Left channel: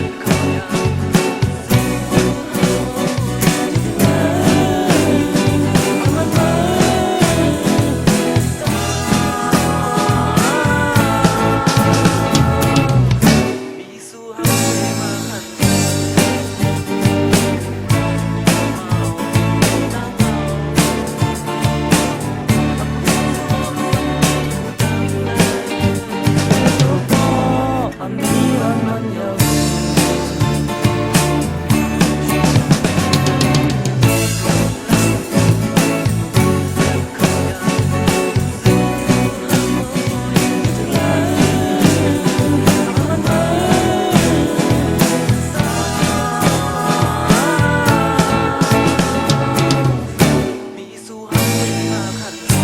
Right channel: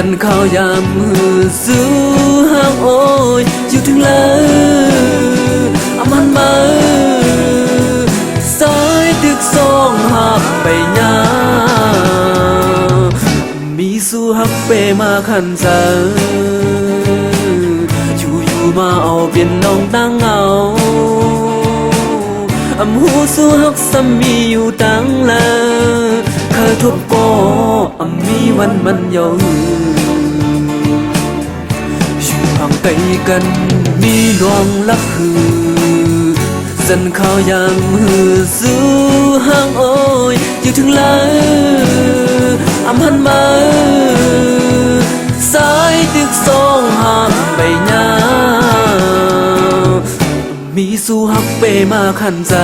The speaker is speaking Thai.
dân khao yang mưa giữ hang ôi chiềuถึงแล้วมันมาสายดึกสองหาไปยามีสู้หักเปมาขันใจอยู่มาเอาเปลี่ยนน้องตั้งเอาหูสู้หักซ้ำมีอยู่ตั้งแล้วเคยทบก็มีวันมันยาวอยู่ห่างไปกันมีดวงละคือสันเขายังมือสู้ห่างโอ้ยอยู่ถึงแล้วหันมาสายดึกสองหาไปนามีสู้หักเปมาขันใจ